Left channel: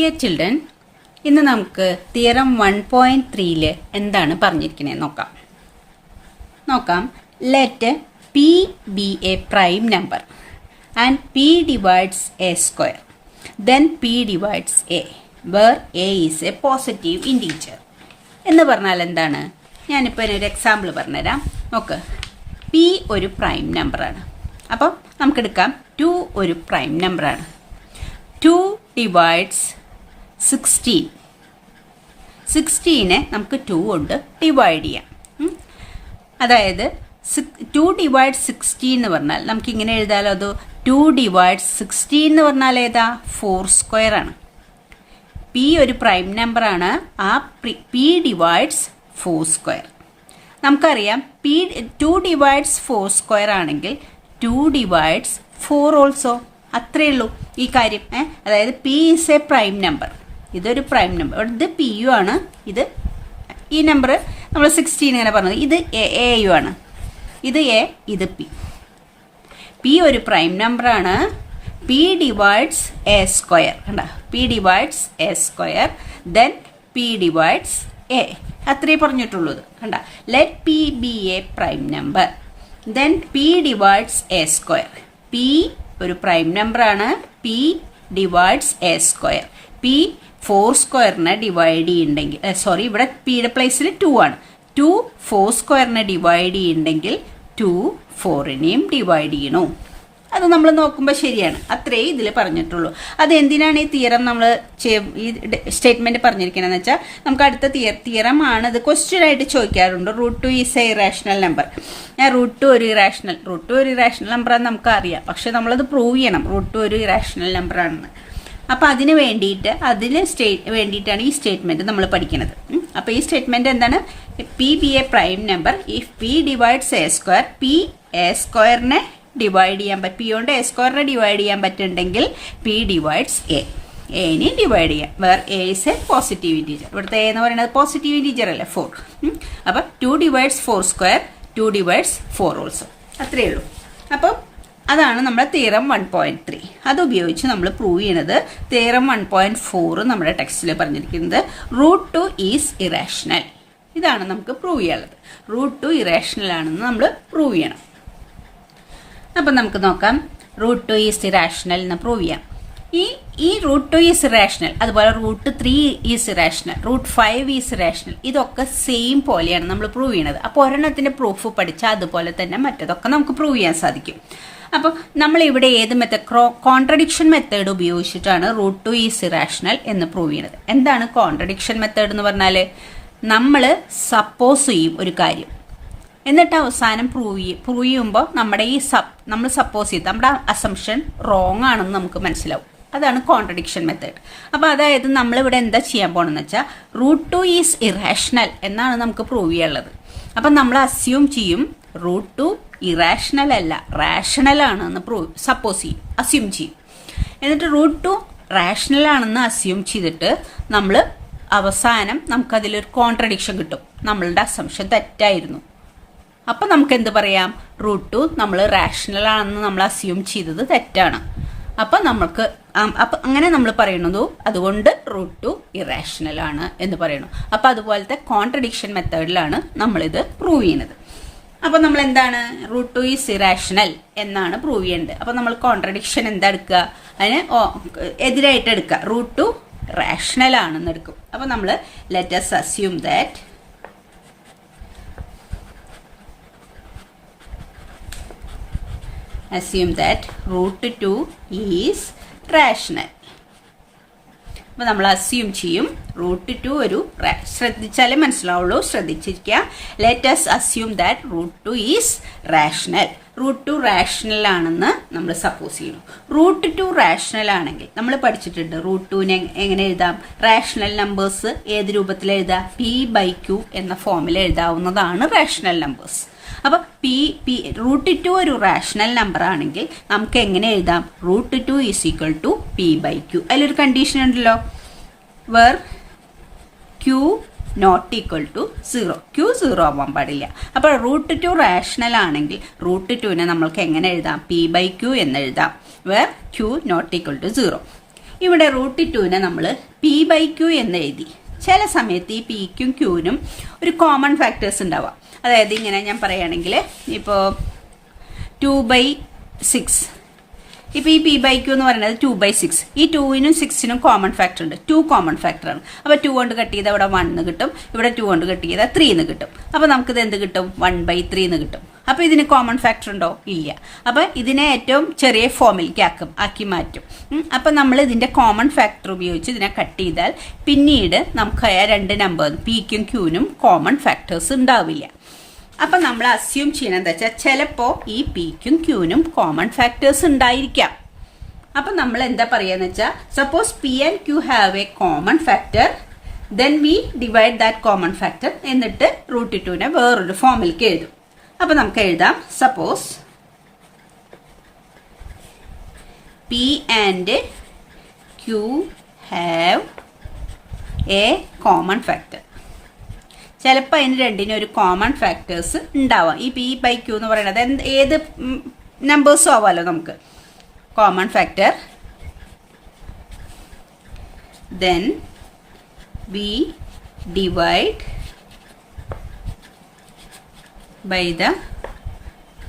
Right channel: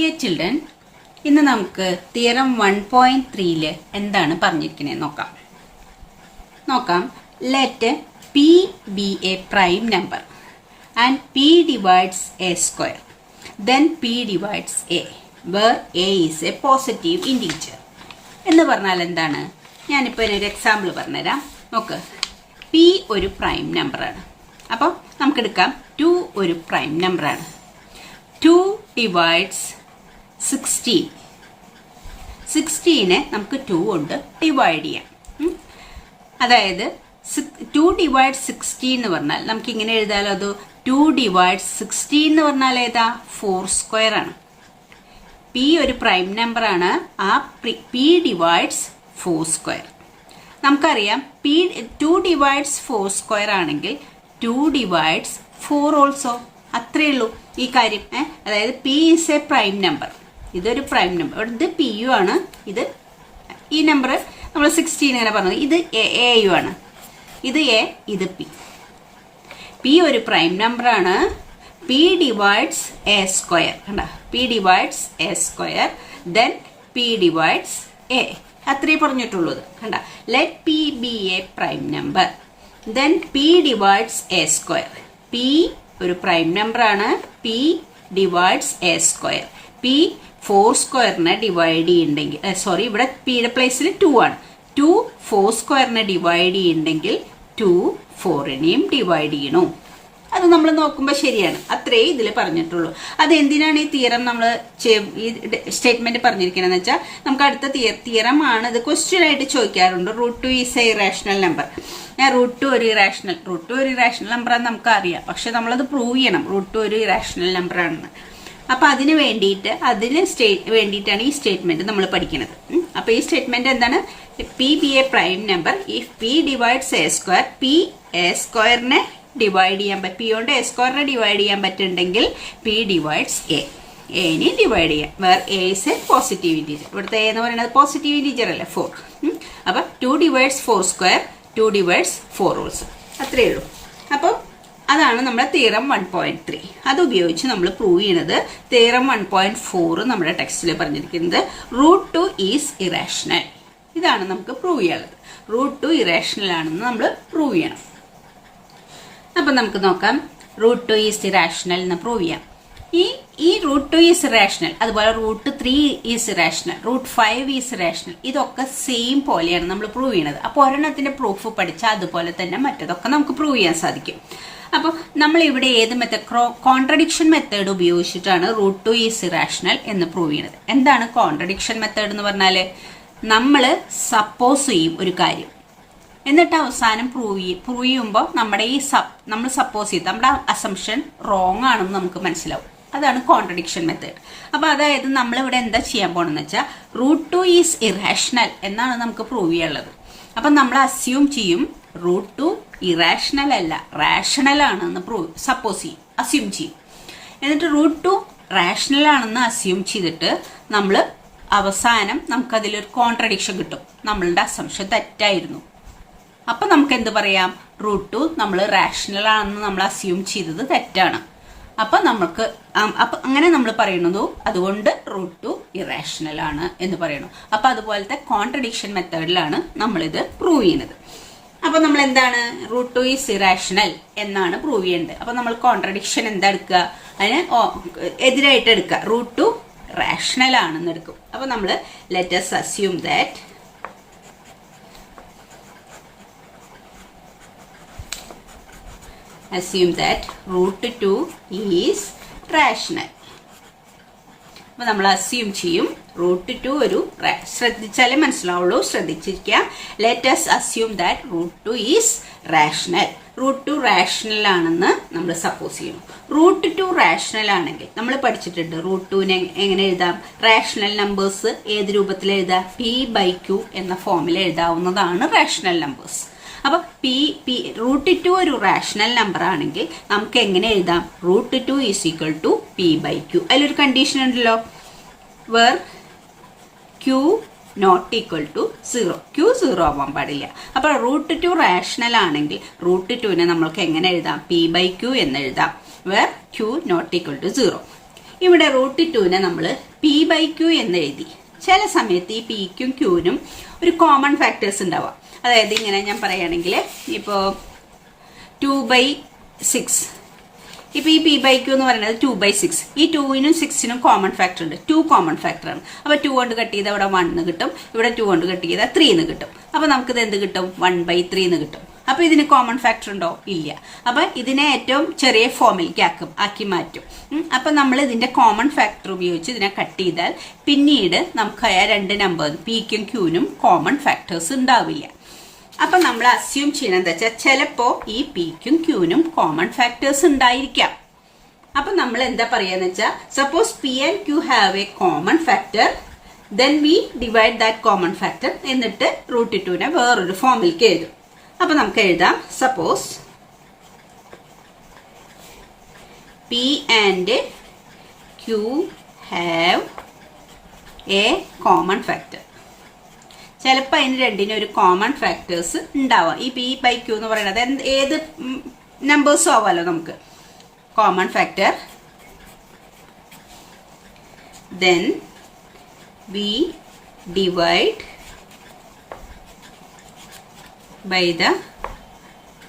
Dear children, ഇന്ന് നമുക്ക് theorem 1.3 എന്താണ് പറഞ്ഞിരിക്കുന്നത് നോക്കാം. Let P be a prime number and p divides A square, then P divides a where a is a positive integer എന്ന് പറഞ്ഞാൽ എന്താണ്? ഞാനിപ്പോൾ ഒരു എക്സാമ്പിൾ പറഞ്ഞുതരാം. നോക്ക്, പി ഒരു പ്രൈം നമ്പറാണ്. അപ്പം നമുക്കെടുക്കാം 2 ഒരു പ്രൈം നമ്പറാണ്. 2 ഡിവൈഡ്സ് 16. 16നെ നമുക്ക് 2 കൊണ്ട് ഡിവൈഡ് ചെയ്യാം. അതായത് 2 ഡിവൈഡ് 16 എന്ന് പറഞ്ഞാൽ നമുക്ക് ഇങ്ങനെ എഴുതാലോ. അത് 2 ഡിവൈഡ് 16 എന്ന് പറഞ്ഞാൽ ഏതാ? 4 സ്ക്വയർ ആണ്. പി ഒരു പ്രൈം നമ്പർ ആണ്. ആ പി ഡിവൈഡ്സ് 4 സ്ക്വയർ. നമുക്കറിയാം പി 2 ഡിവൈഡ്സ് 4 സ്ക്വയർ ആണെങ്കിൽ 2 ഡിവൈഡ്സ് 4 ഓൾസോ. അത്രയേ ഉള്ളൂ ഈ കാര്യം. അതായത് P is A prime number. ഇതൊരു പ്രൈം നമ്പർ, ഇത് പി യു ആണ്. ഇത് ഈ നമ്പർ നമ്മൾ 16 ഇങ്ങനെ പറഞ്ഞത്, ഇത് എ യു ആണ്. ഇത് എ, ഇത് പി. പി ഒരു പ്രൈം നമ്പർ ആണ്. P divides A square. കണ്ട, P divides A square, then P divides A. അത്രേ പറഞ്ഞിട്ടുള്ളത്. കണ്ട, let P be a prime number, then P divides A square. P ഒരു പ്രൈം നമ്പർ ആണ്. P divides A square. P 4 സ്ക്വയറിനെ divide ചെയ്യുന്നുണ്ടെങ്കിൽ, sorry, ഇവിടെ പിയുടെ പ്ലേസിൽ 2 ആണ്. 2 4 സ്ക്വയറിനെ ഡിവൈഡ് ചെയ്യുന്നുണ്ടെങ്കിൽ 2 4നെയും ഡിവൈഡ് ചെയ്യണു. അത് നമ്മൾ നോക്കുമ്പോൾ ശരിയാണ്. അത്രേ ഇതിൽ പറഞ്ഞിട്ടുള്ളൂ. അത് എന്തിനാണ് ഈ തിയറം നമ്മൾ ഈ സ്റ്റേറ്റ്മെന്റ് പറഞ്ഞിരിക്കണമെന്ന് വെച്ചാൽ, നമുക്ക് അടുത്ത തിയറം ആണ്. ഇത് ക്വസ്റ്റ്യൻ ആയിട്ട് ചോദിക്കാറുണ്ട്. √2 ഈസ് എ ഇറാഷണൽ നമ്പർ. √2 ഒരു ഇറാഷണൽ നമ്പർ ആണെന്ന് നമുക്ക് അറിയാം. പക്ഷെ നമ്മളത് പ്രൂവ് ചെയ്യണം √2 ഒരു ഇറാഷണൽ നമ്പർ ആണെന്ന്. അപ്പൊ അതിന് വേണ്ടിയിട്ടാണ് ഈ സ്റ്റേറ്റ്മെന്റ് നമ്മൾ പഠിക്കുന്നത്. അപ്പൊ ഈ സ്റ്റേറ്റ്മെന്റ് എന്താണ്? P be a prime number if P divides A square. P A സ്ക്വയറിനെ ഡിവൈഡ് ചെയ്യാൻ പറ്റും. പി കൊണ്ട് എ സ്ക്വയറിനെ ഡിവൈഡ് ചെയ്യാൻ പറ്റുന്നുണ്ടെങ്കിൽ പി ഡിവൈഡ്സ് എ. എനെ ഡിവൈഡ് ചെയ്യാം. Where A is a positive integer. ഇവിടുത്തെ എ എന്ന് പറയുന്നത് പോസിറ്റീവ് ഇൻറ്റീജർ അല്ലേ, 4. അപ്പൊ 2 ഡിവൈഡ്സ് 4 സ്ക്വയർ, 2 ഡിവൈഡ്സ് 4 ഓൾസോ. അത്രയേ ഉള്ളൂ. അപ്പം അതാണ് നമ്മുടെ തിയറം 1.3. അത് ഉപയോഗിച്ച് നമ്മൾ പ്രൂവ് ചെയ്യണത്. തിയറം 1.4 നമ്മുടെ ടെക്സ്റ്റിൽ പറഞ്ഞിരിക്കുന്നത് √2 ഈസ് ഇറാഷണൽ. ഇതാണ് നമുക്ക് പ്രൂവ് ചെയ്യാനുള്ളത്. √2 ഇറാഷണൽ ആണെന്ന് നമ്മൾ പ്രൂവ് ചെയ്യണം. അപ്പൊ നമുക്ക് നോക്കാം, √2 ഈസ് ഇറാഷണൽ എന്ന് പ്രൂവ് ചെയ്യാം. ഈ √2 ഈസ് ഇറാഷണൽ, അതുപോലെ √3 ഈസ് ഇറാഷണൽ, √5 ഈസ് ഇറാഷണൽ. ഇതൊക്കെ സെയിം പോലെയാണ് നമ്മൾ പ്രൂവ് ചെയ്യുന്നത്. അപ്പോൾ ഒരെണ്ണത്തിന്റെ പ്രൂഫ് പഠിച്ചാൽ അതുപോലെ തന്നെ മറ്റതൊക്കെ നമുക്ക് പ്രൂവ് ചെയ്യാൻ സാധിക്കും. അപ്പോൾ നമ്മൾ ഇവിടെ ഏത് മെത്തേഡ്, കോൺട്രഡിക്ഷൻ മെത്തേഡ് ഉപയോഗിച്ചിട്ടാണ് √2 ഈസ് ഇറാഷണൽ എന്ന് പ്രൂവ് ചെയ്യുന്നത്. എന്താണ് കോൺട്രഡിക്ഷൻ മെത്തേഡ് എന്ന് പറഞ്ഞാല്? നമ്മൾ സപ്പോസ് ചെയ്യും ഒരു കാര്യം, എന്നിട്ട് അവസാനം പ്രൂവ് ചെയ്യുമ്പോൾ നമ്മുടെ നമ്മൾ സപ്പോസ് ചെയ്ത് നമ്മുടെ അസംഷൻ റോങ് ആണെന്ന് നമുക്ക് മനസ്സിലാവും. അതാണ് കോൺട്രഡിക്ഷൻ മെത്തേഡ്. അപ്പൊ അതായത് നമ്മൾ ഇവിടെ എന്താ ചെയ്യാൻ പോണെന്ന് വെച്ചാൽ, √2 ഈസ് ഇറാഷണൽ എന്നാണ് നമുക്ക് പ്രൂവ് ചെയ്യാനുള്ളത്. അപ്പൊ നമ്മൾ അസ്യൂം ചെയ്യും √2 ഇറാഷണൽ അല്ല, റാഷണൽ ആണെന്ന് അസ്യൂം ചെയ്യും. എന്നിട്ട് √2 റാഷണൽ ആണെന്ന് അസ്യൂം ചെയ്തിട്ട് നമ്മൾ അവസാനം നമുക്കതിലൊരു കോൺട്രഡിക്ഷൻ കിട്ടും. നമ്മളുടെ അസംഷൻ തെറ്റായിരുന്നു. അപ്പൊ നമുക്ക് എന്ത് പറയാം? √2 നമ്മൾ റാഷണൽ ആണെന്ന് നമ്മൾ അസ്യൂം ചെയ്തത് തെറ്റാണ്. അപ്പൊ അങ്ങനെ നമ്മൾ പറയുന്നതും അതുകൊണ്ട് √2 ഇറാഷണൽ ആണ് എന്ന് പറയുന്നു. അപ്പൊ അതുപോലത്തെ കോൺട്രഡിക്ഷൻ മെത്തേഡിലാണ് നമ്മളിത് പ്രൂവ് ചെയ്യുന്നത്. അപ്പൊ നമ്മൾ എന്താണ്? √2 ഈസ് ഇറാഷണൽ എന്നാണ് പ്രൂവ് ചെയ്യേണ്ടത്. അപ്പൊ നമ്മൾ കോൺട്രഡിക്ഷൻ എന്താ എടുക്കുക? അതിന് എതിരായിട്ട് എടുക്കുക. √2 റാഷണൽ ആണെന്ന് എടുക്കും. അപ്പൊ നമ്മൾ let us assume that √2 is rational. അപ്പൊ നമ്മൾ അസ്യൂം ചെയ്യും √2 ഒരു, ശ്രദ്ധിച്ചാലേ മനസ്സിലാവുള്ളൂ, ശ്രദ്ധിച്ചിരിക്കുക. Let us assume that √2 is rational. √2 rational ആണെന്ന് നമ്മൾ സപ്പോസ് ചെയ്യണം. √2 റാഷണൽ ആണെങ്കിൽ നമ്മൾ പഠിച്ചിട്ടുണ്ട് √2നെ എങ്ങനെ എഴുതാം? റാഷണൽ നമ്പേഴ്സ് ഏത് രൂപത്തിൽ എഴുതാം? p/q എന്ന ഫോമിൽ എഴുതാവുന്നതാണ് റാഷണൽ നമ്പേഴ്സ്. അപ്പൊ √2 ഒരു റാഷണൽ നമ്പർ ആണെങ്കിൽ നമുക്ക് എങ്ങനെ എഴുതാം? √2 ഈസ് ഈക്വൽ ടു p/q. അതിലൊരു കണ്ടീഷൻ ഉണ്ടല്ലോ, where q not equal to 0. q 0 ആവാൻ പാടില്ല. അപ്പൊ √2 റാഷണൽ ആണെങ്കിൽ √2നെ നമ്മൾക്ക് എങ്ങനെ എഴുതാം? p/q എന്ന് എഴുതാം, where q not equal to 0. ഇവിടെ √2നെ നമ്മൾ P/Q എന്ന് എഴുതി. ചില സമയത്ത് ഈ Pക്കും Qനും ഒരു കോമൺ ഫാക്ടേഴ്സ് ഉണ്ടാവാം. അതായത് ഇങ്ങനെ ഞാൻ പറയുകയാണെങ്കിൽ ഇപ്പോൾ 2/6, ഇപ്പോൾ ഈ P/Q എന്ന് പറയുന്നത് 2/6. ഈ 2നും 6നും കോമൺ ഫാക്ടർ ഉണ്ട്. 2 കോമൺ ഫാക്ടറാണ്. അപ്പോൾ 2 കൊണ്ട് കട്ട് ചെയ്താൽ ഇവിടെ 1 എന്ന് കിട്ടും, ഇവിടെ 2 കൊണ്ട് കട്ട് ചെയ്താൽ 3 എന്ന് കിട്ടും. അപ്പോൾ നമുക്കിത് എന്ത് കിട്ടും? 1/3 എന്ന് കിട്ടും. അപ്പോൾ ഇതിന് കോമൺ ഫാക്ടർ ഉണ്ടോ? ഇല്ല. അപ്പോൾ ഇതിനെ ഏറ്റവും ചെറിയ ഫോമിലേക്ക് ആക്കി മാറ്റും. അപ്പോൾ നമ്മൾ ഇതിന്റെ കോമൺ ഫാക്ടർ ഉപയോഗിച്ച് ഇതിനെ കട്ട് ചെയ്താൽ പിന്നീട് നമുക്ക് ആ രണ്ട് നമ്പർ Pക്കും Qനും കോമൺ ഫാക്ടേഴ്സ് ഉണ്ടാവില്ല. അപ്പൊ നമ്മൾ അസ്യൂം ചെയ്യണം എന്താ വെച്ചാൽ ചിലപ്പോ ഈ Pക്കും Qനും കോമൺ ഫാക്ടേഴ്സ് ഉണ്ടായിരിക്കാം. അപ്പൊ നമ്മൾ എന്താ പറയാന്ന് വെച്ചാൽ suppose P and Q have A common factor, then we divide that common factor, എന്നിട്ട് √2നെ വേറൊരു ഫോമിലേക്ക് എഴുതും. അപ്പൊ നമുക്ക് എഴുതാം suppose P and Q have A common factor. ചിലപ്പോൾ അതിന് രണ്ടിനും ഒരു കോമൺ ഫാക്ടേഴ്സ് ഉണ്ടാവാം. ഈ P/Q എന്ന് പറയുന്നത് ഏത് നമ്പേഴ്സും ആവാമല്ലോ നമുക്ക്. Common factor, then we divide by the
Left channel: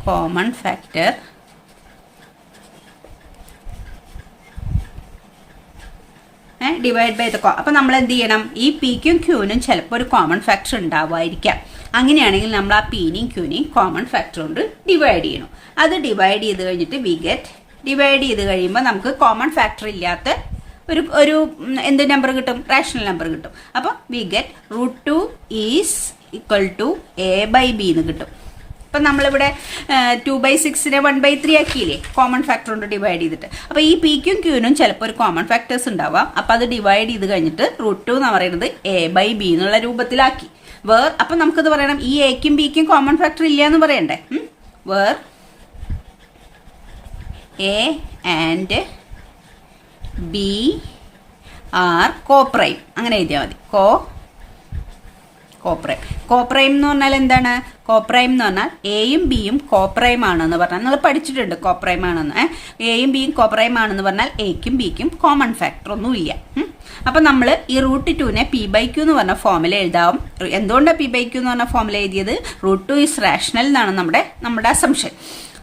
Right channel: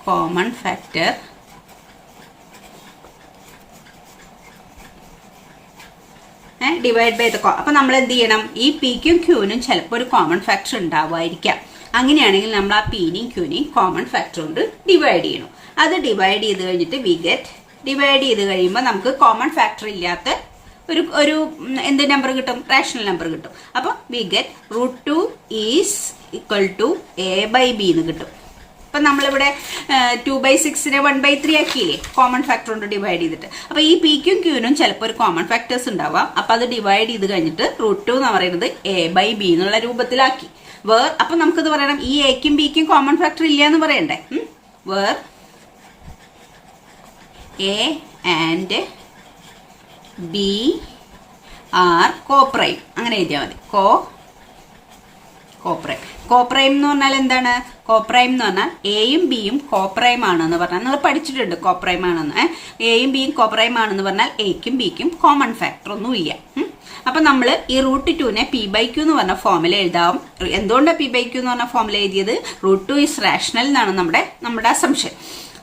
common factor divide by the അപ്പൊ നമ്മൾ എന്ത് ചെയ്യണം? ഈ Pക്കും Qനും ചിലപ്പോൾ ഒരു കോമൺ ഫാക്ടർ ഉണ്ടാവാതിരിക്കാം. അങ്ങനെയാണെങ്കിൽ നമ്മൾ ആ Pനെയും Qനെയും കോമൺ ഫാക്ടർ കൊണ്ട് ഡിവൈഡ് ചെയ്യണം. അത് ഡിവൈഡ് ചെയ്ത് കഴിഞ്ഞിട്ട് വി ഗെറ്റ്, ഡിവൈഡ് ചെയ്ത് കഴിയുമ്പോൾ നമുക്ക് കോമൺ ഫാക്ടർ ഇല്ലാത്ത ഒരു എന്ത് നമ്പർ കിട്ടും? റാഷണൽ നമ്പർ കിട്ടും. അപ്പൊ we get √2 is equal to A/B എന്ന് കിട്ടും. അപ്പൊ നമ്മളിവിടെ 2/6നെ 1/3 ആക്കിയില്ലേ കോമൺ ഫാക്ടർ കൊണ്ട് ഡിവൈഡ് ചെയ്തിട്ട്. അപ്പൊ ഈ Pക്കും Qനും ചിലപ്പോൾ ഒരു കോമൺ ഫാക്ടേഴ്സ് ഉണ്ടാവാം. അപ്പൊ അത് ഡിവൈഡ് ചെയ്ത് കഴിഞ്ഞിട്ട് √2 എന്ന് പറയുന്നത് A/B എന്നുള്ള രൂപത്തിലാക്കി. അപ്പൊ നമുക്കത് പറയണം ഈ Aക്കും Bക്കും കോമൺ ഫാക്ടർ ഇല്ല എന്ന് പറയണ്ടേ. Where A and B are coprime, അങ്ങനെ എഴുതിയാൽ മതി. കോപ്രൈം എന്ന് പറഞ്ഞാൽ എന്താണ്? കോപ്രൈം എന്ന് പറഞ്ഞാൽ എയും ബിയും കോപ്രൈം ആണെന്ന് പറഞ്ഞാൽ നിങ്ങൾ പഠിച്ചിട്ടുണ്ട് കോപ്രൈം ആണെന്ന്. എയും ബിയും കോപ്രൈം ആണെന്ന് പറഞ്ഞാൽ എക്കും ബിക്കും കോമൺ ഫാക്ടർ ഒന്നും ഇല്ല. അപ്പൊ നമ്മൾ ഈ √2നെ P/Q എന്ന് പറഞ്ഞ ഫോമിൽ എഴുതാം. എന്തുകൊണ്ടാണ് P/Q എന്ന് പറഞ്ഞ ഫോമിൽ എഴുതിയത്? √2 ഈസ് റാഷണൽ എന്നാണ് നമ്മുടെ അസംഷൻ.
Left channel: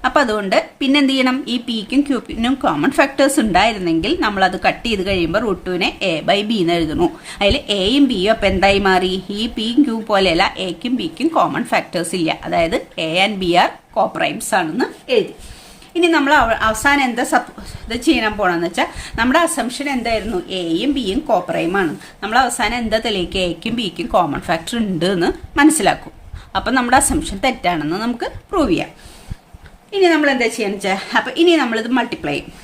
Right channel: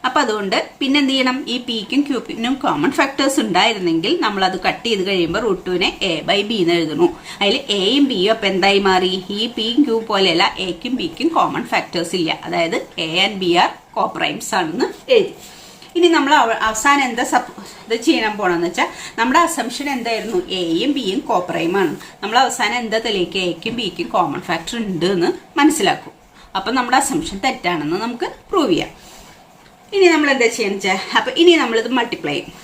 അപ്പൊ അതുകൊണ്ട് പിന്നെ എന്ത് ചെയ്യണം? ഈ Pക്കും Qനും കോമൺ ഫാക്ടേഴ്സ് ഉണ്ടായിരുന്നെങ്കിൽ നമ്മൾ അത് കട്ട് ചെയ്ത് കഴിയുമ്പോൾ √2നെ A/B എന്ന് എഴുതുന്നു. അതിൽ എയും ബിയും അപ്പൊ എന്തായി മാറി? ഈ Pയും Q പോലെയല്ല, എക്കും ബിക്കും കോമൺ ഫാക്ടേഴ്സ് ഇല്ല. അതായത് A and B ആർ കോപ്രൈംസ് ആണെന്ന് എഴുതി. ഇനി നമ്മൾ അവസാനം എന്താ ഇത് ചെയ്യാൻ പോണെന്ന് വെച്ചാൽ നമ്മുടെ അസംഷൻ എന്തായിരുന്നു? എയും ബിയും കോപ്രൈം ആണ്. നമ്മൾ അവസാനം എന്താ തെളിയിക്കുക? എക്കും ബിക്കും കോമൺ ഫാക്ടർ ഉണ്ട് എന്ന് മനസ്സിലാക്കും. അപ്പൊ നമ്മുടെ അസംഷൻ തെറ്റാണെന്ന് നമുക്ക് പ്രൂവ് ചെയ്യാം. ഇനി നമ്മൾ എന്താ ചെയ്യാന്ന് വെച്ചാൽ അപ്പൊ ഇനി നമ്മളിത് മൾട്ടിപ്ലൈ ചെയ്യും.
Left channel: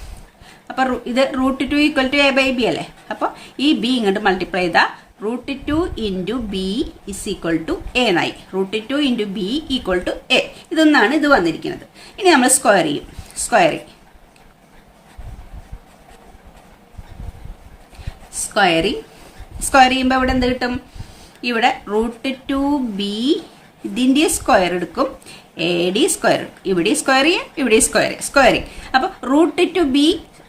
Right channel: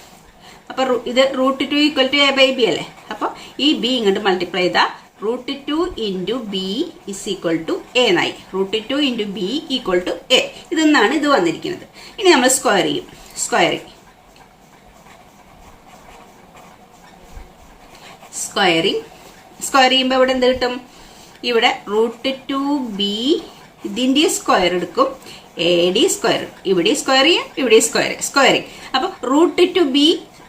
അപ്പൊ ഇത് √2 ഈക്വൽ ടു A/B അല്ലേ. അപ്പൊ ഈ ബി ഇങ്ങോട്ട് മൾട്ടിപ്ലൈ ചെയ്താൽ √2 into B is equal to A എന്നായി. √2 into B equal to A. ഇതൊന്നാണ് ഇത് വന്നിരിക്കുന്നത്. ഇനി നമ്മൾ സ്ക്വയർ ചെയ്യും. സ്ക്വയർ ചെയ്യുമ്പോൾ ഇവിടെ എന്ത് കിട്ടും? ഇവിടെ √2b ഇതിന്റെ സ്ക്വയർ എടുക്കും, AD സ്ക്വയർ, ഇവിടെ സ്ക്വയർ ചെയ്യും, ഇവിടെ സ്ക്വയർ ചെയ്യും. അപ്പൊ √2b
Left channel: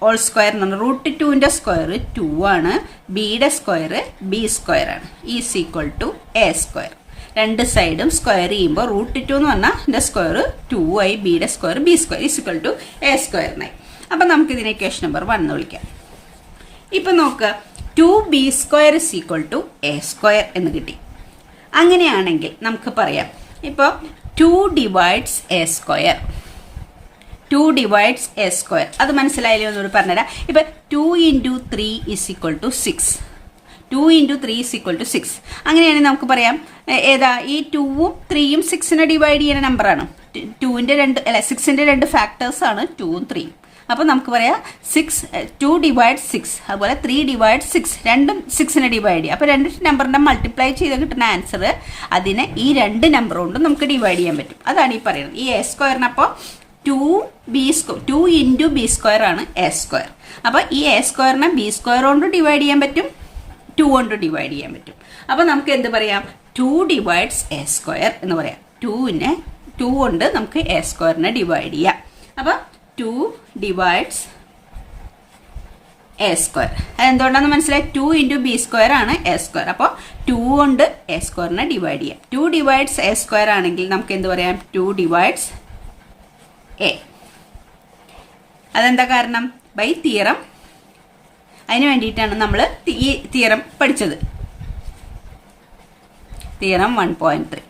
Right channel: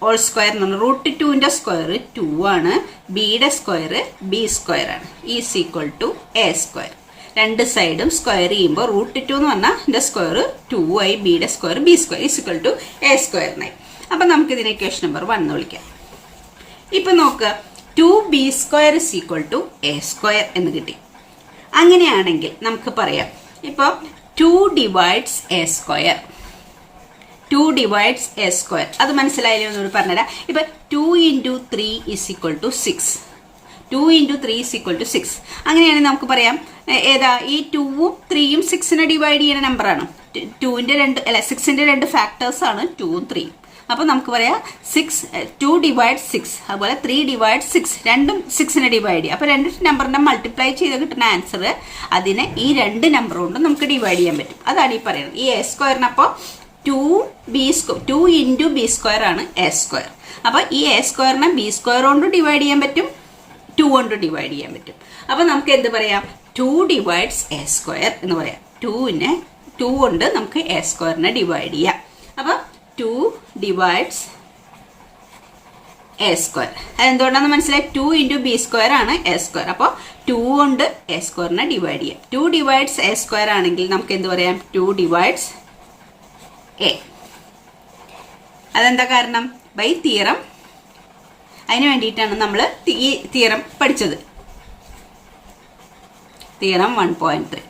ഓൾ സ്ക്വയർ എന്ന് പറഞ്ഞാൽ √2ന്റെ സ്ക്വയർ 2 ആണ്, ബിയുടെ സ്ക്വയർ b സ്ക്വയർ ആണ്. Is equal to A square. രണ്ട് സൈഡും സ്ക്വയർ ചെയ്യുമ്പോൾ √2 എന്ന് പറഞ്ഞാൽ ഇതിന്റെ സ്ക്വയർ 2i, ബിയുടെ square b square is equal to A സ്ക്വയറിനായി. അപ്പൊ നമുക്ക് ഇതിനെ ഇക്വേഷൻ നമ്പർ 1 എന്ന് വിളിക്കാം. ഇപ്പൊ നോക്കുക, 2b square is equal to A square എന്ന് കിട്ടി. അങ്ങനെയാണെങ്കിൽ നമുക്ക് പറയാം ഇപ്പൊ 2 divides A square. 2 divides A square അത് മനസ്സിലായാലും ഒന്നുകൂടി പറഞ്ഞുതരാം. ഇപ്പൊ 2 into 3 is equal to 6. 2 into 3 is equal to 6. അങ്ങനെയാണെങ്കിൽ നമുക്ക് പറയാം ഏതാ ഈ 2ഉം 3യും 6നെ ഡിവൈഡ് ചെയ്യുന്ന നമ്പറാണ്. 6ന്റെ രണ്ട് ഫാക്ടേഴ്സ് ആണ് 2ഉം 3യും. അപ്പൊ നമുക്ക് പറയാം 2 ഡിവൈഡ് 6, അതുപോലെ 3 ഡിവൈഡ് 6, രണ്ടും 6നെ ഡിവൈഡ് ചെയ്യുക. അപ്പൊ രണ്ട് നമ്പറിനെ മൾട്ടിപ്ലൈ ചെയ്ത് കിട്ടുന്ന ആൻസർ അതിനെ ഈ രണ്ട് നമ്പർ കൊണ്ട് നമുക്ക് ഡിവൈഡ് ചെയ്യാൻ പറ്റും. അതാണ് ഈ പറയുന്നത്. ഈ A സ്ക്വയറിനപ്പോ 2 ഇൻറ്റു ബി സ്ക്വയർ ആണ് A സ്ക്വയർ. അപ്പൊ ഈ A സ്ക്വയറിനെ B സ്ക്വയർ കൊണ്ട് ഡിവൈഡ് ചെയ്യാൻ പറ്റും, 2 കൊണ്ട് ഡിവൈഡ് ചെയ്യാൻ പറ്റും. അപ്പൊ നമുക്ക് എന്ത് പറയാം? 2 ഡിവൈഡ്സ് A സ്ക്വയർ എന്ന് പറയാം. 2 കൊണ്ട് നമുക്ക് A സ്ക്വയറിനെ ഡിവൈഡ് ചെയ്യാം. അപ്പൊ 2 ഡിവൈഡ്സ് എ സ്ക്വയർ. അതെന്തുകൊണ്ടാന്ന് മനസ്സിലായി? 2 ഇൻറ്റു ബി സ്ക്വയർ ആണ് എ സ്ക്വയർ. അപ്പോൾ 2 കൊണ്ട് എ സ്ക്വയറിനെ ഡിവൈഡ് ചെയ്യാം. 2 ഡിവൈഡ്സ് എ സ്ക്വയർ ആണെങ്കിൽ നമുക്ക് എന്ത് പറയാം? 2 ഡിവൈഡ്സ് എ. അതെന്താ കാരണം? By theorem. അതിന് വേണ്ടിയിട്ടാണ് നമ്മൾ ഈ തിയറം പഠിച്ചത്. തിയറം 1.3.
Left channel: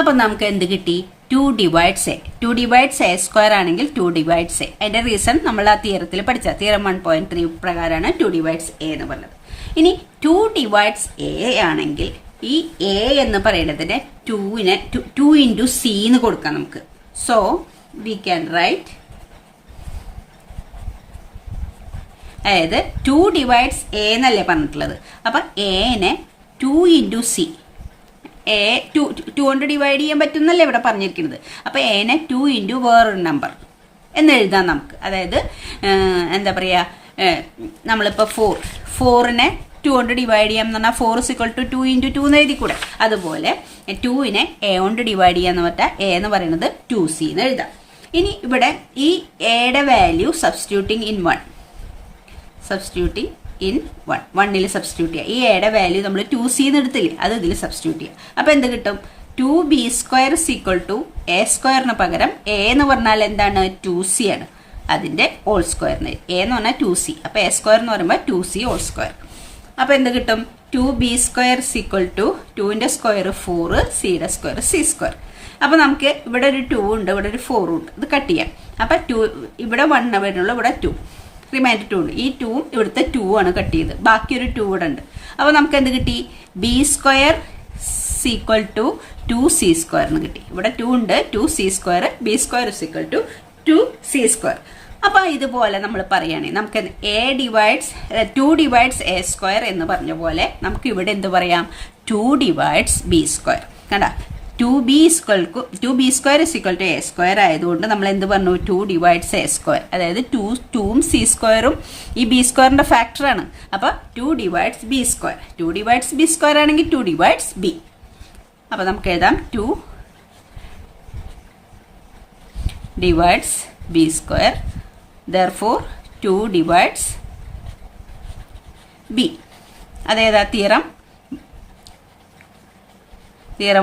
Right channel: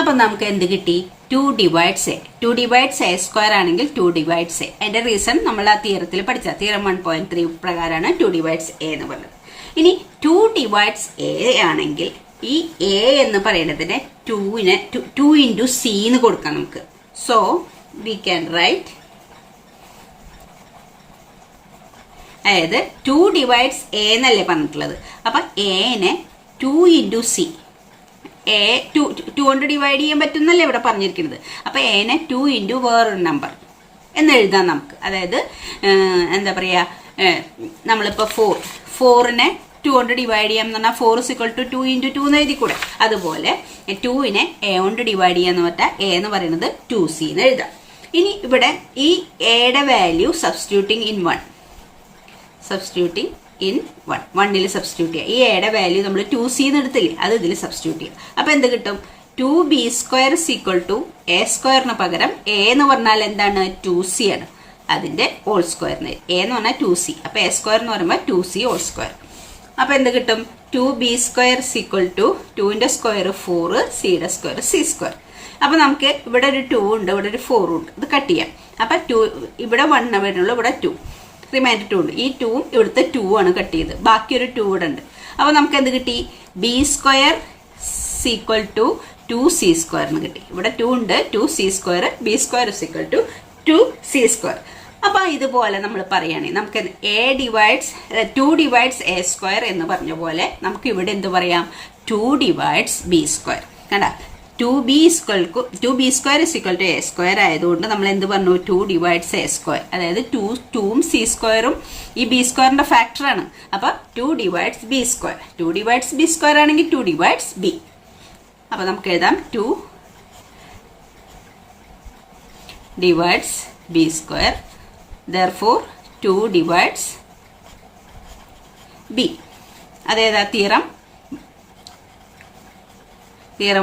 അപ്പം നമുക്ക് എന്ത് കിട്ടി? 2 divides A. 2 divides A square ആണെങ്കിൽ 2 ഡിവൈഡ്സ് എ. അതിന്റെ റീസൺ നമ്മൾ ആ തിയറത്തിൽ പഠിച്ച തിയറം 1.3 പ്രകാരമാണ് 2 ഡിവൈഡ്സ് എ എന്ന് പറഞ്ഞത്. ഇനി 2 ഡിവൈഡ്സ് എ ആണെങ്കിൽ ഈ എ എന്ന് പറയുന്നതിനെ 2 ഇൻറ്റു സി എന്ന് കൊടുക്കാം നമുക്ക്. സോ വി ക്യാൻ റൈറ്റ്, അതായത് 2 ഡിവൈഡ്സ് എ എന്നല്ലേ പറഞ്ഞിട്ടുള്ളത്. അപ്പൊ എനെ 2 ഇൻറ്റു സി, എ 2 കൊണ്ട് ഡിവൈഡ് ചെയ്യാൻ പറ്റുന്നല്ലേ ഇവിടെ പറഞ്ഞിരിക്കുന്നത്. അപ്പൊ എനെ 2 ഇൻറ്റു വേറൊരു നമ്പർ എന്ന് എഴുതാം നമുക്ക്. അതായത് എന്താ പറയാ, നമ്മളിപ്പോ 4നെ 2 കൊണ്ട് ഡിവൈഡ് ചെയ്യാം എന്ന് പറഞ്ഞാൽ 4 = 2 ഇൻറ്റു 2 എന്ന് എഴുതി കൂടെ. അതുപോലെ 2നെ എ കൊണ്ട് ഡിവൈഡ് ചെയ്യാന്ന് പറഞ്ഞാൽ എ എന്ന് പറയുന്നത് 2c എന്ന് എഴുതാം. ഇനി ഇവിടെ ഈ എയുടെ value substituting in 1, substituting in 1ൽ സബ്സ്റ്റിറ്റ്യൂട്ട് ചെയ്യുക. ഈ എയുടെ വാല്യൂ നമ്മൾ 2c എന്ന് എടുത്തില്ലേ, അത് ഇതിൽ സബ്സ്റ്റിറ്റ്യൂട്ട് ചെയ്യുക. അപ്പൊ എന്ത് കിട്ടും? 2b² = a സ്ക്വയറിന് പകരം എ എന്ന് പറഞ്ഞാൽ എന്താണ്? 2c ആണ്. അതിന്റെ ഹോൾ സ്ക്വയറിന് എ എന്ന് പറഞ്ഞാൽ 2c. അപ്പൊ എ സ്ക്വയർ എന്ന് പറയുമ്പോൾ 2c ഹോൾ സ്ക്വയർ. അപ്പൊ എന്ത് കിട്ടും? 2b² = 2ന്റെ സ്ക്വയർ 4, സിയുടെ സ്ക്വയർ c². അപ്പൊ നമുക്ക് ഇവിടെ ഒരു 2 ഉണ്ട്, ഇവിടെ ഒരു 4 ഉണ്ട്. ഇത് കട്ട് ചെയ്യാം. അപ്പൊ 2 ഇവിടെ 1 വരുന്നുള്ളൂ, ഇവിടെ 2 റിമൈൻഡർ 2 ഉണ്ട്. ഈ 2 ഇവിടുത്തെ 2 ആണ് കട്ട് ചെയ്ത്, ബാക്കി ഒരു 2 ഇവിടെ ഉണ്ട്. അപ്പൊ നമുക്ക് എന്ത് കിട്ടി? b² = 2c² എന്ന് കിട്ടി. ഇവിടെ 2 ഉണ്ട്, 2c², b² = 2c². അപ്പൊ ഇതുപോലെ നമ്മൾ പറയുകയാണെങ്കിൽ നമുക്ക് 2 ഡിവൈഡ്സ് a സ്ക്വയർ എന്ന് പറഞ്ഞ പോലെ നമുക്ക് ഇവിടെ എന്ത് പറയാം? 2 ഡിവൈഡ്സ് b². കണ്ട, 2b² = a സ്ക്വയർ ആയതുകൊണ്ട് നമ്മൾ എന്ത് പറഞ്ഞു? 2 ഡിവൈഡ്സ് a സ്ക്വയർ. അതായത് 2ഉം c² ഈ b² ഫാക്ടർ ആണ്. അപ്പൊ 2 ഡിവൈഡ്സ് b². 2 ഡിവൈഡ്സ് b² ആണെങ്കിൽ 2 ഡിവൈഡ്സ് b. അപ്പൊ നമുക്ക് എഴുതാം 2 divides b². therefore 2 divides b. അതേതാ? തിയറം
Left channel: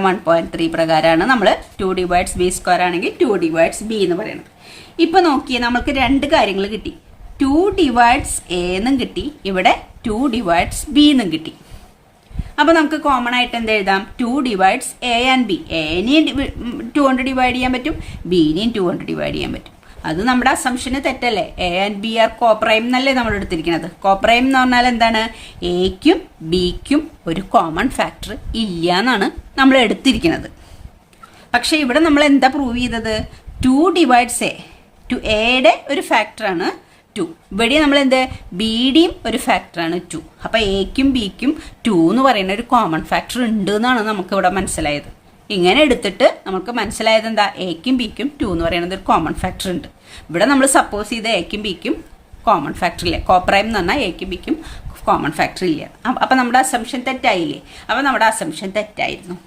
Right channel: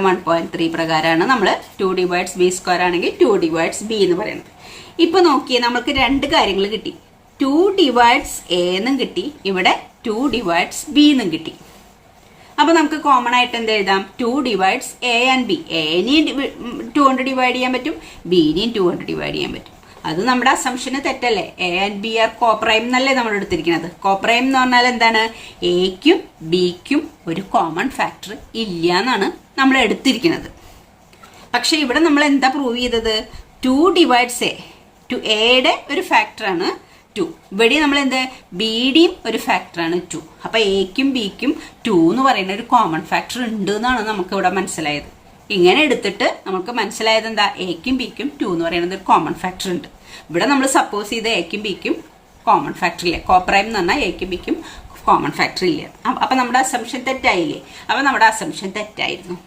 1.3 പ്രകാരമാണ് നമ്മൾ 2 ഡിവൈഡ്സ് b² ആണെങ്കിൽ 2 ഡിവൈഡ്സ് b എന്ന് പറയുന്നത്. ഇപ്പൊ നോക്കിയേ, നമുക്ക് 2 കാര്യങ്ങൾ കിട്ടി. 2 ഡിവൈഡ്സ് a എന്നും കിട്ടി, ഇവിടെ 2 ഡിവൈഡ്സ് b എന്നും കിട്ടി. അപ്പൊ നമുക്ക് കോമൺ ആയിട്ട് എന്ത് എഴുതാം? 2 ഡിവൈഡ്സ് a ആൻഡ് b. എനെയും 2 കൊണ്ട് ഡിവൈഡ് ചെയ്യാൻ പറ്റും, ബിനെയും 2 കൊണ്ട് ഡിവൈഡ് ചെയ്യാൻ പറ്റും. അത് നമ്മുടെ അസംഷന് തെറ്റല്ലേ? a and b are coprime എന്നല്ലേ നമ്മൾ എടുത്തിരിക്കുന്നത്. കോപ്രൈം എന്ന് പറഞ്ഞാൽ എന്താണ്? എക്കും ബിക്കും ഒരു കോമൺ ഫാക്ടർ ഇല്ല എന്നാണ് നമ്മൾ എടുത്തിരിക്കുന്നത്. പക്ഷെ ഇവിടെ നമ്മൾ എന്താ പ്രൂവ് ചെയ്തത്? 2 ഡിവൈഡ്സ് a. എയുടെ ഒരു ഫാക്ടറാണ് 2. ഇവിടെ നമ്മൾ എന്ത്? ബിയുടെയും ഒരു ഫാക്ടറാണ് 2. അപ്പൊ എക്കും ബിക്കും 2 എന്ന് പറയുന്ന ഒരു കോമൺ ഫാക്ടർ ഉണ്ട് എന്നാണ് നമുക്ക് ഇവിടെ മനസ്സിലായത്. ഇങ്ങനെ എടുത്തിട്ട് നമുക്ക് മനസ്സിലായത് എന്താ? എക്കും ബിക്കും 2 എന്ന് പറയുന്നത് ഒരു കോമൺ ഫാക്ടർ ഉണ്ട്. ഇവിടെ നമ്മൾ സപ്പോസ് ചെയ്ത് എക്കും ബിക്കും കോമൺ ഫാക്ടർ ഇല്ല. കോപ്രൈം എന്ന് പറഞ്ഞാൽ എക്കും ബിക്കും കോമൺ ഫാക്ടർ ഇല്ല. അപ്പൊ നമ്മുടെ അസംഷൻ തെറ്റായില്ലേ? അപ്പൊ നമ്മുടെ അസംഷൻ തെറ്റായിരുന്നു.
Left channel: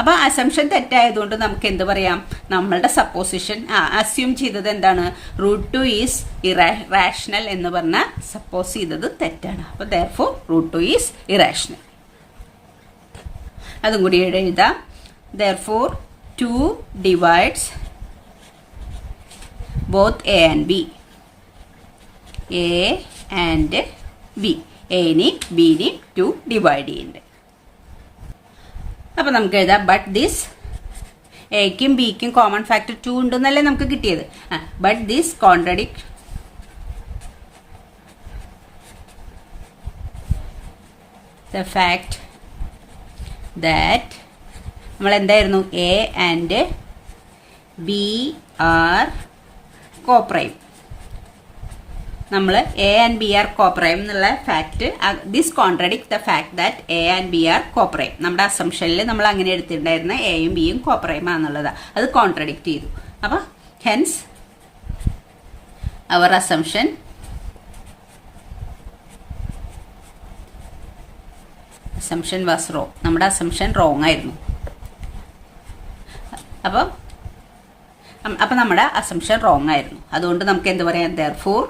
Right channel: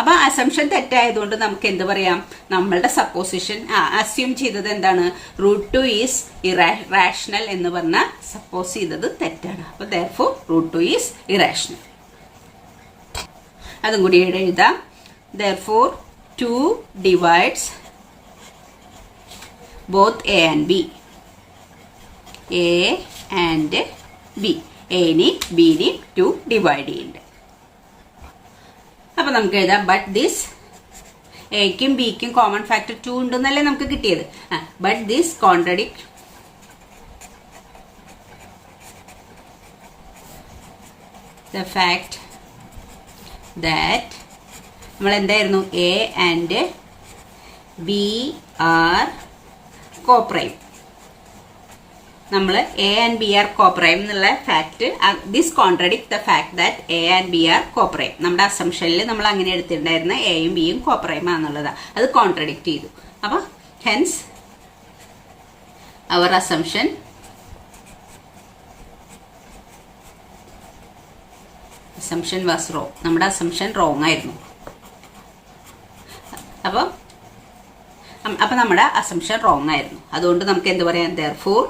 അപ്പൊ അസംഷൻ തെറ്റായതുകൊണ്ട് നമുക്ക് എന്ത് പറയാം? നമ്മളുടെ സപ്പോസിഷൻ അസ്യൂം ചെയ്തത് എന്താണ്? √2 ഈസ് ഇറാഷണൽ എന്ന് പറഞ്ഞാൽ സപ്പോസ് ചെയ്തത് തെറ്റാണ്. അപ്പൊ therefore √2 ഈസ് ഇറാഷണൽ. അതും കൂടി ഇവിടെ എഴുതാം. therefore 2 divides both a and b. a and b. a-നെയും b-നെയും 2 ഡിവൈഡ് ചെയ്യുന്നുണ്ട്. അപ്പൊ നമുക്ക് എഴുതാം, ബട്ട് ദിസ് എക്കും ബിക്കും കോമൺ ഫാക്ടർ 2 ഉണ്ടെന്നല്ലേ നമുക്ക് കിട്ടിയത്. But this contradict the fact that നമ്മൾ എന്തായിരുന്നു? A and B are coprime. നമ്മൾ A and B are coprime എന്നുള്ള fact, this contradict the fact that A and B are coprime. നമ്മുടെ അസംഷനിൽ നമ്മൾ അങ്ങനെ എടുത്തിട്ടുണ്ടായിരുന്ന എയും ബിയും കോപ്രൈം ആണെന്നുള്ളത് അത് കോൺട്രഡിക്ട് ചെയ്തു. അപ്പൊ hence our assumption was wrong. നമ്മുടെ അസംഷൻ റോങ് ആയിരുന്നു. അപ്പൊ അപ്പൊ നമ്മുടെ അസംഷൻ റോങ് ആയിരുന്നു. അതുകൊണ്ട് നമുക്ക് എന്ത് പറയാം, therefore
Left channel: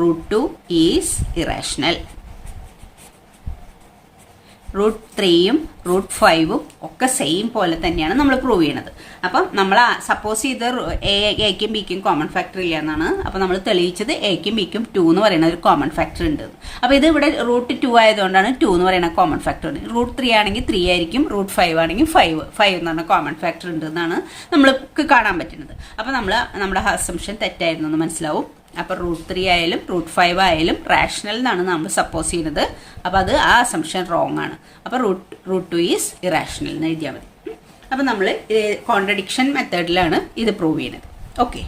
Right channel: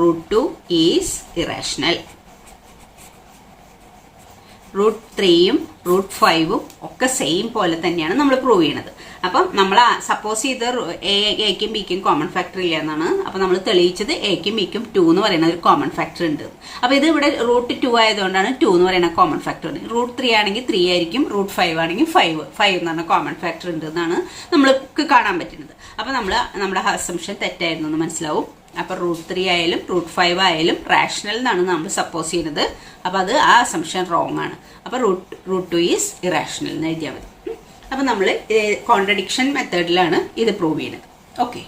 √2 ഈസ് ഇറാഷണൽ. √3ഉം √5ഉം ഒക്കെ സെയിം പോലെ തന്നെയാണ് നമ്മൾ പ്രൂവ് ചെയ്യണത്. അപ്പം നമ്മൾ സപ്പോസ് ചെയ്ത് എക്കും ബിക്കും കോമൺ ഫാക്ടർ ഇല്ല എന്നാണ്. അപ്പൊ നമ്മൾ തെളിയിച്ചത് എക്കും ബിക്കും 2 എന്ന് പറയുന്ന ഒരു കോമൺ ഫാക്ടർ ഉണ്ട്. അപ്പൊ ഇത് ഇവിടെ √2 ആയതുകൊണ്ടാണ് 2 എന്ന് പറയുന്ന കോമൺ ഫാക്ടർ. √3 ആണെങ്കിൽ 3 ആയിരിക്കും, √5 ആണെങ്കിൽ 5 എന്ന് പറഞ്ഞ കോമൺ ഫാക്ടർ ഉണ്ട് എന്നാണ് നമ്മൾക്ക് കാണാൻ പറ്റുന്നത്. അപ്പൊ നമ്മുടെ അസംഷൻ തെറ്റായിരുന്നു എന്ന് മനസ്സിലാവും. അപ്പൊ √3 ആയാലും √5 ആയാലും റാഷണൽ എന്നാണ് നമ്മൾ സപ്പോസ് ചെയ്യുന്നത്. അപ്പൊ അത് ആ അസംഷൻ റോങ് ആണ്. അപ്പൊ √2 ഈസ് ഇറാഷണൽ എന്ന് എഴുതിയാൽ മതി. അപ്പൊ നമ്മൾ കോൺട്രഡിക്ഷൻ മെത്തേഡിലാണ് ഇത് പ്രൂവ് ചെയ്യുന്നത്. ഓക്കെ,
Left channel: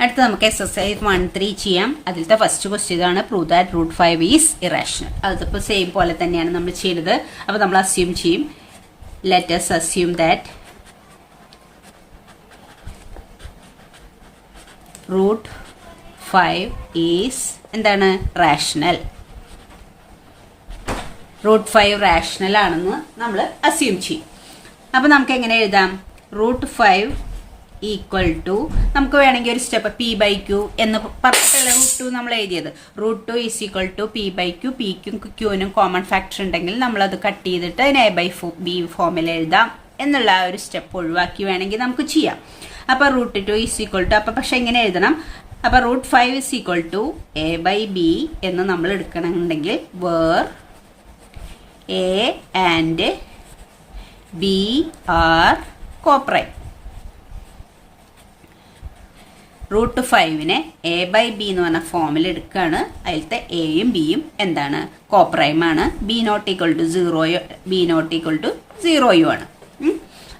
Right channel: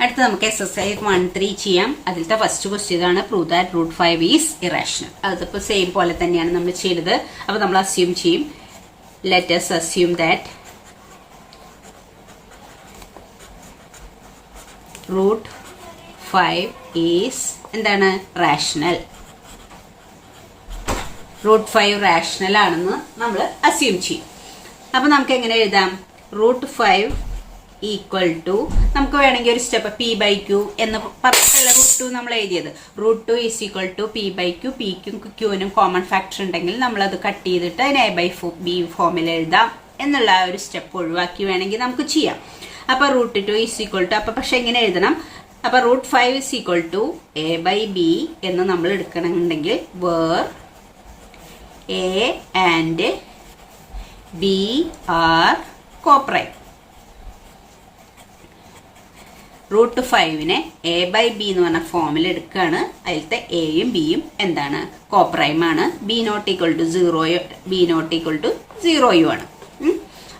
അടുത്ത നമുക്ക് എക്സസൈസ് 1.3 ചെയ്യാം. അതിലത്തെ ഫസ്റ്റ് ക്വസ്റ്റ്യൻ ഇതാണ്, പ്രൂവ് ദാറ്റ് √5 ഈസ് ഇറാഷണൽ. അതിപ്പോ സെയിം പോലെ തന്നെയാണ് നമ്മൾ ചെയ്തത്. അപ്പൊ നമ്മൾ അസ്യൂം ചെയ്യും, let us assume that √5 is എന്താണ്, റാഷണൽ. √5 റാഷണൽ ആണെന്ന് നമ്മൾ അസ്യൂം ചെയ്യും. അപ്പൊ നമുക്ക് എങ്ങനെ എഴുതാം, √5 ഈക്വൽ ടു, നമുക്ക് വേണമെങ്കിൽ ഒരു സ്റ്റെപ്പ് p/q എന്ന് പറഞ്ഞിട്ടുള്ള √2 നമ്മൾ എഴുതിയത്. √2 ഈസ് ഈക്വൽ ടു p/q. പിക്കും ക്യൂനും കോമൺ ഫാക്ടർ ഉണ്ടെങ്കിൽ നമ്മൾ അത് കട്ട് ചെയ്തിട്ട് അതിന് a/b ഫോമിൽ എഴുതാം എന്നുള്ള ആ ഒരു സ്റ്റെപ്പ് ഒഴിവാക്കി വേണമെങ്കിൽ നമുക്ക് ചെയ്യാം. അപ്പൊ √2 ഈസ് ഈക്വൽ ടു, അപ്പൊ പക്ഷെ എങ്ങനെ എഴുതണം, അപ്പൊ √5 ഈസ് ഈക്വൽ ടു a/b എന്ന് നമ്മൾ എടുക്കണമെന്നുണ്ടെങ്കിൽ where a and b are coprime. √5നെ a/b എന്ന് പറഞ്ഞ ഫോമിൽ എടുക്കുകയാണ്. അതിലത്തെ എയും ബിയും എന്താണ്, കോപ്രൈം ആണ്. b not equal to 0 ആണ്.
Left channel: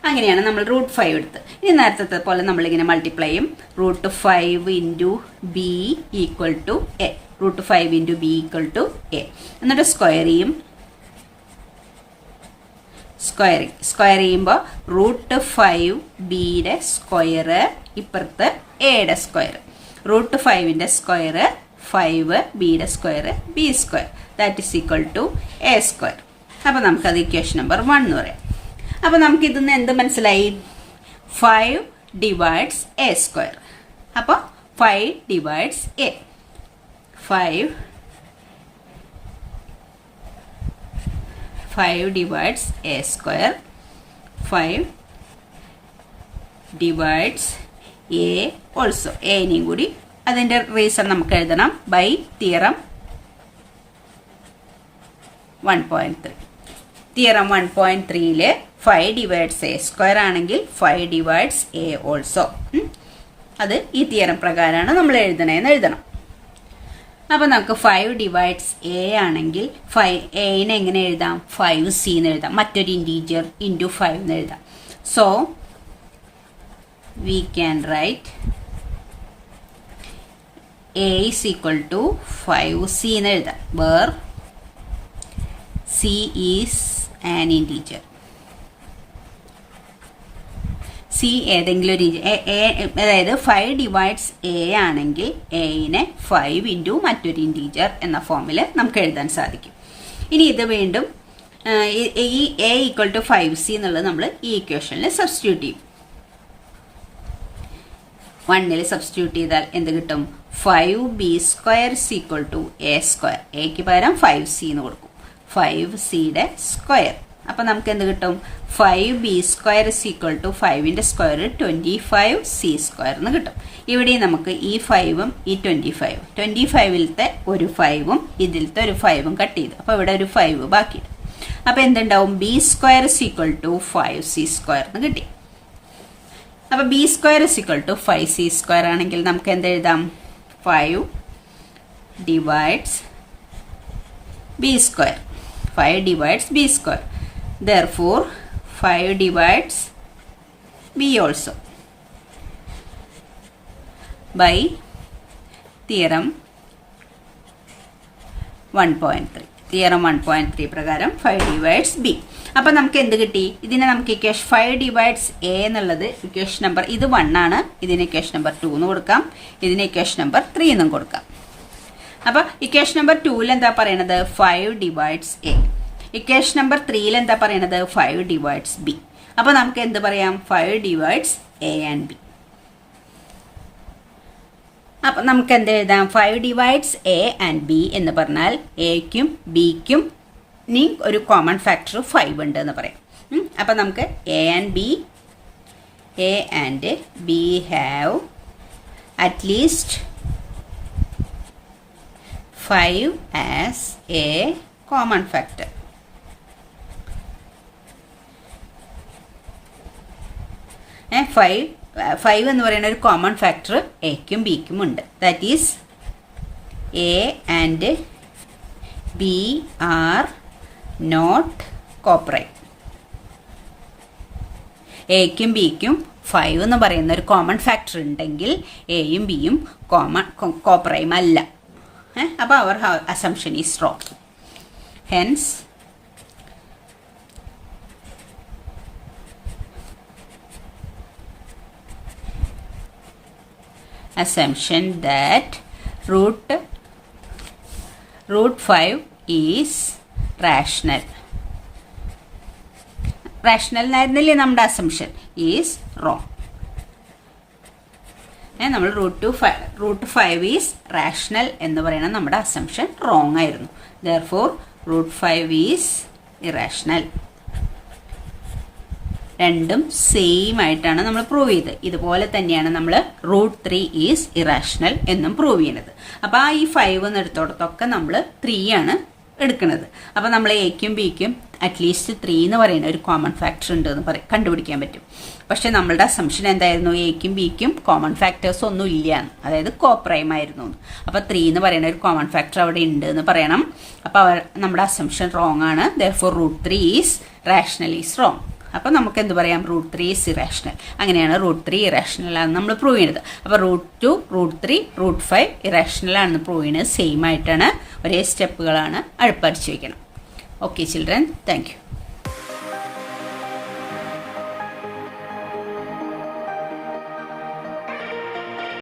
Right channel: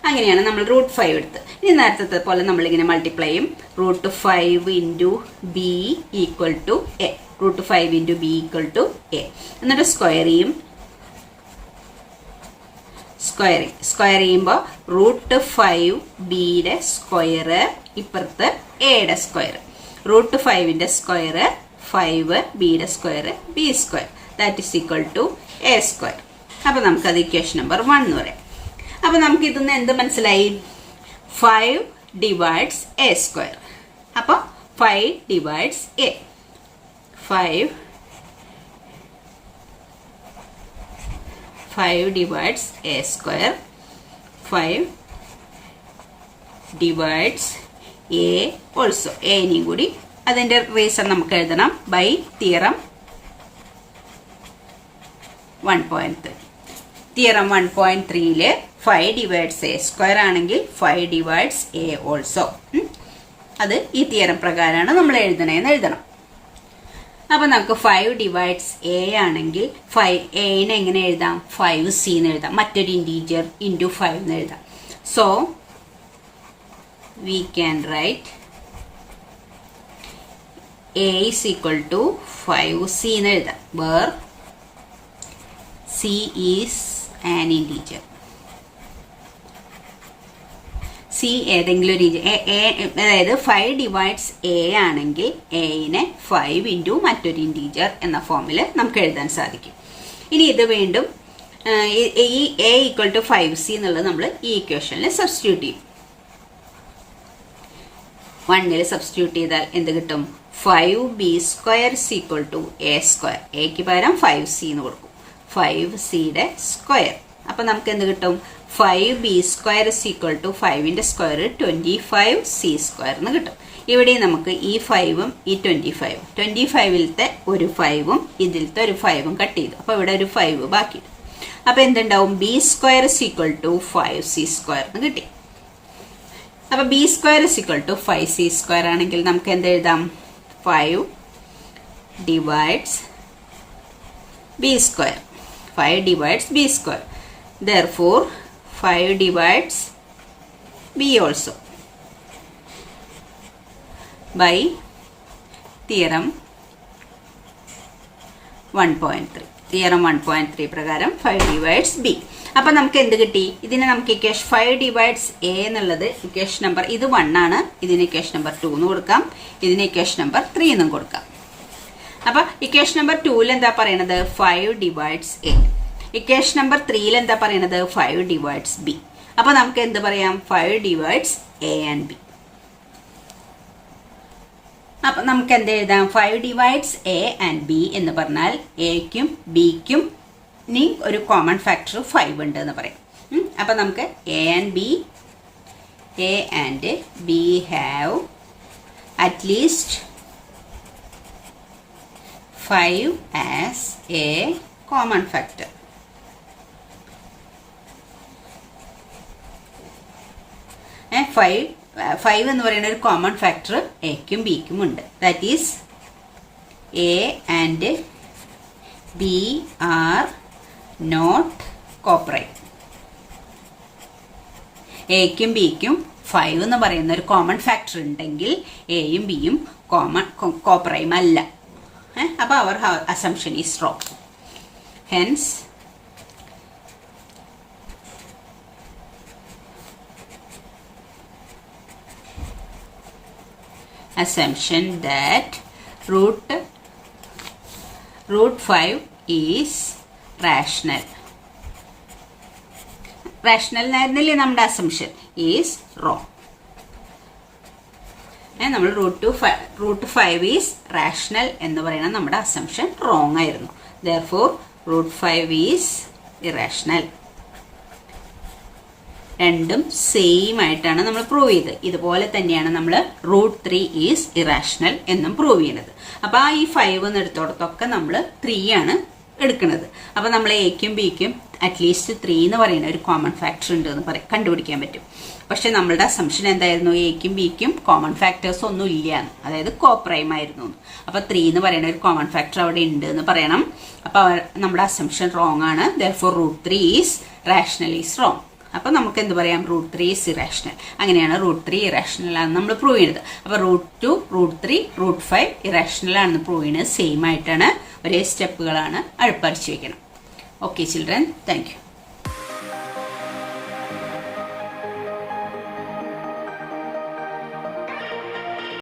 അങ്ങനെയാണ് നമ്മൾ √5 എടുത്ത്. ഇനി നേരത്തെ പോലെ നമ്മളിങ്ങനെ മൾട്ടിപ്ലൈ ചെയ്യും. √5 into B equal to a. √5 into B equal to a. എന്നിട്ട് സ്ക്വയർ ചെയ്യും. സ്ക്വയർ ചെയ്യുമ്പോൾ √5 ബിയുടെ സ്ക്വയർ ഇപ്പുറത്ത് എയുടെ സ്ക്വയർ. √5ന്റെ സ്ക്വയർ 5, ബിയുടെ square b square, that is equal to a square. അപ്പൊ നമുക്കത് ഇക്വേഷൻ നമ്പർ 1 എന്ന് പറയാം. അപ്പൊ നമുക്ക് ഇതിന്ന് എന്ത് മനസ്സിലായി, 5 ഡിവൈഡ്സ് എ സ്ക്വയർ. അപ്പൊ 5 divides a, 5 divides A square, 5 divides a also. എനെയും കൂടി അതിന്റെ റീസൺ നമുക്ക് എഴുതണം ബൈ തിയറം 1.3. തിയറം 1.3ല് 5 ഡിവൈഡ്സ് എ സ്ക്വയർ ആണെങ്കിൽ 5 ഡിവൈഡ്സ് എ ഓൾസോ. അത് ഈ തിയറം പ്രകാരമാണ് നമ്മൾ എഴുതണേന്ന് എഴുതണം. അപ്പൊ നമുക്ക് 5 ഡിവൈഡ്സ് എ ആണെങ്കിൽ എനെ എങ്ങനെ എഴുതാം, 5c എന്ന് എഴുതാം. മറ്റൊരു ഇന്റീജർ ഇൻറ്റു 5 എന്ന് എഴുതാം. So we can write a is equal to 5c എന്ന് എഴുതാം. Where c is an integer. C ഏതെങ്കിലും ഒരു അതായത് 5 ഡിവൈഡ്സ് എ ആണെങ്കിൽ എനെ 5 ഇൻറ്റു മറ്റൊരു ഇന്റീജർ എന്ന ഫോമിൽ നമുക്ക് എഴുതാൻ സാധിക്കും. ഇനി ഇത് വീണ്ടും ഈ എ ഈക്വൽ ടു 5c എന്നുള്ളത് നമ്മൾ ഈ ഇക്വേഷനിൽ സബ്സ്റ്റിറ്റ്യൂട്ട് ചെയ്യും. 1ൽ സബ്സ്റ്റിറ്റ്യൂട്ട് ചെയ്താൽ എന്ത് കിട്ടും, 5b square equal to a square. എക്ക് പകരം 5c എന്ന് കൊടുക്കും, 5cയുടെ സ്ക്വയർ. അപ്പൊ നമുക്ക് എന്ത് കിട്ടും, 5b സ്ക്വയർ ഈക്വൽ ടു 5ന്റെ സ്ക്വയർ 25c സ്ക്വയർ എന്ന് കിട്ടും. ഇവിടെ നമുക്ക് ഈ 5ഉം ഈ 25ലത്തെ ഒരു 5ഉം ഇതിലത്തെ ഒരു 5ഉം കട്ട് ചെയ്തു. അപ്പൊ ഇവിടെ ഒരു 5 ബാക്കി. അപ്പൊ എന്തുണ്ടാവും, b square equal to 5c square എന്ന് കിട്ടി. അപ്പൊ b square equal to 5c square ആണെങ്കിൽ നമുക്ക് എന്ത് എഴുതാം, 5 divides b square, 5 divides b square. Therefore 5 divides b also by theorem 1.3. Theorem 1.3 പ്രകാരം 5 ഡിവൈഡ്സ് b. അപ്പൊ നമുക്ക് എന്ത് കിട്ടി, ഇതിനെ നമുക്ക് ഇക്വേഷൻ 5 ഡിവൈഡ്സ് എ എന്നുള്ളത് ഇക്വേഷൻ നമ്പർ ഇത് 1 ആണ്. ഇതിന് ഇക്വേഷൻ നമ്പർ 2 എന്ന് കൊടുക്കാം, ഇതിന് ഇക്വേഷൻ നമ്പർ 3 എന്നും കൊടുക്കാം. അപ്പൊ ഇക്വേഷൻ നമ്പർ 2ൽ എന്താ പറയണത്, 5 ഡിവൈഡ്സ് എ. ഇക്വേഷൻ നമ്പർ 3ൽ എന്താ പറയണത്, 5 ഡിവൈഡ്സ് ബി. അപ്പൊ നമുക്ക് എന്ത് പറയാം, 5 ഡിവൈഡ്സ് എ ആൻഡ് ബി. അപ്പൊ നമുക്ക് എന്ത് എഴുതാം? 5 ഡിവൈഡ്സ് എ ആൻഡ് ബി എന്ന് പറഞ്ഞാൽ എക്കും ബിക്കും ഇനി ഒരു കോമൺ ഫാക്ടർ 5 ഉണ്ട് എന്ന് പറയും. അപ്പൊ നമുക്ക് a and b have at least 5 as a common factor. Five എന്ന് പറയുന്ന ഒരു കോമൺ ഫാക്ടർ എക്കും ബിക്കും ഉണ്ട്. That is a and B are not coprime. എക്കും ബിക്കും 5 എന്ന് പറയുന്ന ഒരു കോമൺ ഫാക്ടർ ഉണ്ടെങ്കിൽ എയും ബിയും കോപ്രൈം അല്ല. അപ്പൊ our assumption is wrong. Hence assumption that root 5 is rational. rational എന്നായിരുന്നില്ലേ നമ്മുടെ അസംഷൻ? Is wrong. നമ്മൾ റൂട്ട് 5 ഈസ് റാഷണൽ എന്ന് പറയുന്ന നമ്മുടെ അസംഷൻ റോങ് ആയിരുന്നു. therefore root 5 is irrational. രണ്ടും സെയിം ആയിട്ടാണ് നമ്മൾ പ്രൂവ് ചെയ്തത്. ഇതുപോലെ തന്നെയാണ് നമ്മൾ റൂട്ട് 3 ഈസ് ഇറാഷണൽ എന്നും പ്രൂവ് ചെയ്യുന്നത്. അപ്പൊ ആ ഈ 5 എടുത്തോടത്തൊക്കെ നമ്മൾ 3 ആണ് എടുക്കുന്നത്. അപ്പൊ നമ്മൾ എക്കും ബിക്കും അറ്റ്ലീസ്റ്റ് 3 എന്ന് പറയുന്ന ഒരു കോമൺ ഫാക്ടർ ഉണ്ട് എന്ന് കണ്ടുപിടിക്കാൻ പറ്റും. പക്ഷെ നമ്മളുടെ അസംഷൻ എന്തായിരുന്നു? എക്കും ബിക്കും കോമൺ ഫാക്ടേഴ്സ് ഒന്നും ഇല്ല, അതായത് കോപ്രൈം ആയിരുന്നു. അപ്പൊ 3 എന്ന് പറയുന്ന ഒരു കോമൺ ഫാക്ടർ അവിടെ ഉണ്ട് എന്ന് പറയണം. അപ്പൊ നമ്മുടെ അസംഷൻ റോങ് ആണ്. therefore root 3 is rational is wrong. അപ്പൊ നമുക്ക് എന്ത് പറയാം? Root 3 is irrational. അങ്ങനെയാണ് റൂട്ട് 3 ഇറാഷണൽ ആണെന്ന് നമ്മൾ പ്രൂവ് ചെയ്യുന്നത്. അപ്പൊ റൂട്ട് 2, റൂട്ട് 3, റൂട്ട് 5 ഇറാഷണൽ ആണെന്ന് പ്രൂവ് ചെയ്യുന്നത് സെയിം ആയിട്ടാണ്. ഒരേ സ്റ്റെപ്പുകളാണ് പഠിച്ചു വെക്കണം. Okay children, thank U.